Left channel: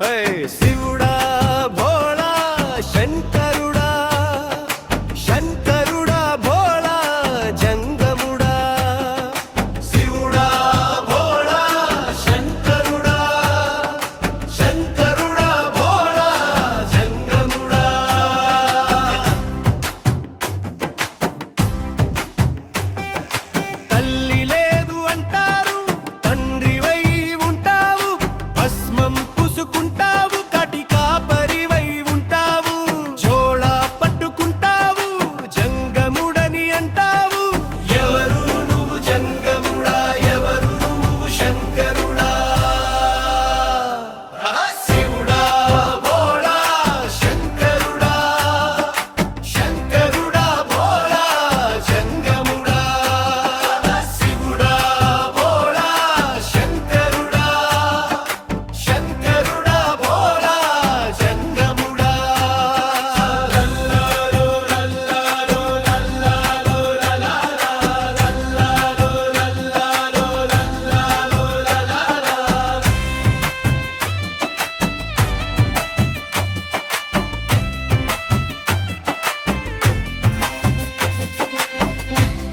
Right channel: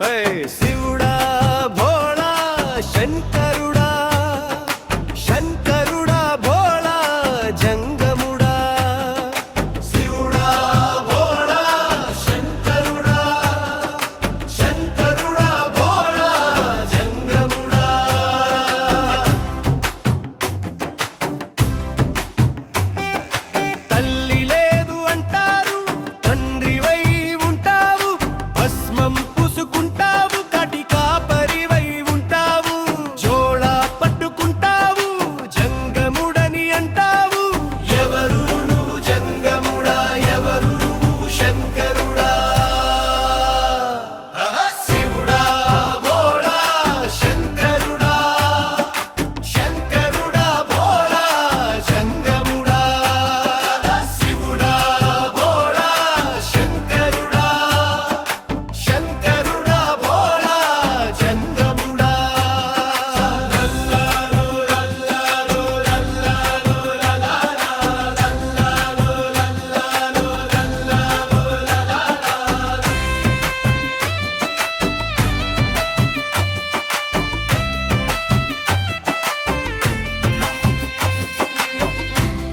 శివుడా భోళా శంకరుడా, శంకరుడా భోళా జంగముడా. శివుడా భోళా శంకరుడా, శంకరుడా భోళా జంగముడా. తల్లి లేదు అంటారు, తండ్రివై ఉంటావు, భస్మం పూసుకుంటావు, కటికా పరివై ఉంటావు, జోళా పట్టుకుంటావు, జంగముడని అంటావు. ఎవరు నువ్వు జంగముడా, ఎవరు నువ్వు శంకరుడా? శివుడా భోళా శంకరుడా, శంకరుడా భోళా జంగముడా. శివుడా భోళా శంకరుడా, శంకరుడా భోళా జంగముడా. రల్లాలో రల్లాలో రల్లాలో రల్లాలో రల్లాలో రల్లాలో రల్లాలో.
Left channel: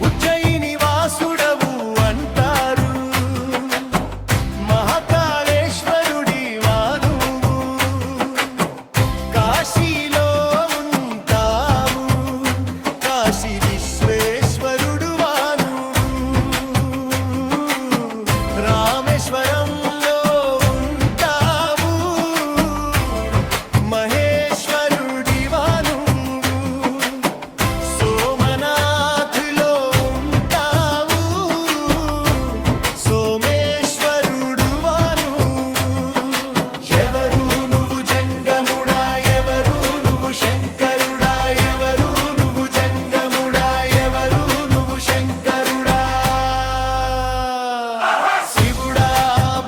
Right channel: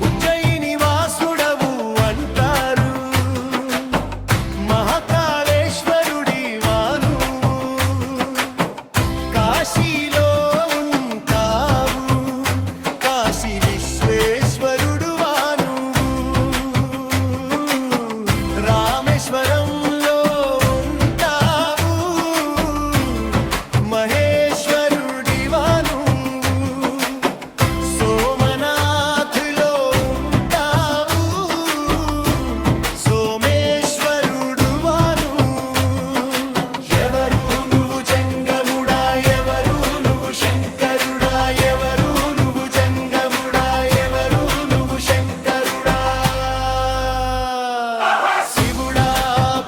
ఉజ్జయిని వాసుడవు అంటారు, మహాకాళేశ్వరుడి వానువు, కాశీలో ఉంటావు, కాశీ విశ్వేశ్వరుడు వానువు, రామేశ్వరంలో ఉంటావు, మహేశ్వరుడి వానువు, సోమనాథులో ఉంటావు, సోమేశ్వరుడు వానువు. ఎవరు నువ్వు జంగముడా, ఎవరు నువ్వు శంకరుడా, ఎవరు నువ్వు జంగముడా, ఎవరు నువ్వు శంకరుడా? శివుడా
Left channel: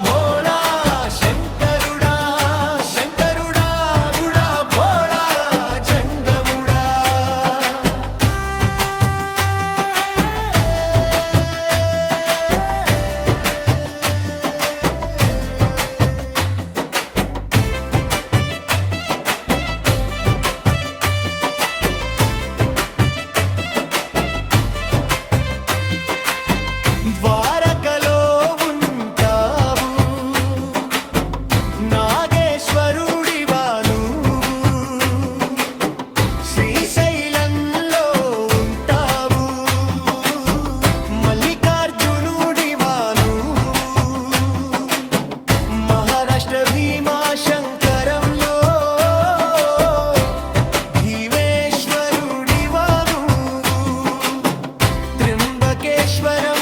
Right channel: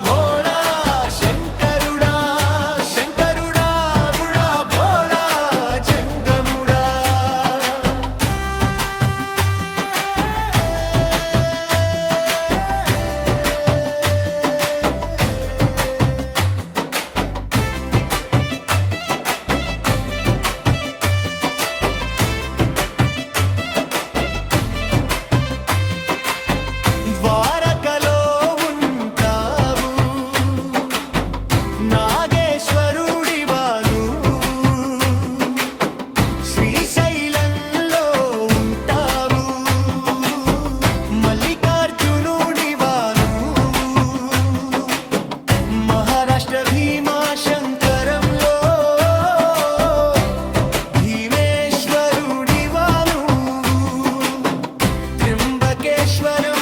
భోళా శంకరుడా, శంకరుడా భోళా జంగముడా. ద్వారకలో ఉంటావు, నాగేశ్వరుడివా నువ్వు, శ్రీశైలంలో ఉంటావు, మల్లికార్జునుడివా నువ్వు, మహారాష్ట్ర భీమాశంకరంలో భీమేశ్వరుడివా నువ్వు, త్ర్యంబకేశ్వరం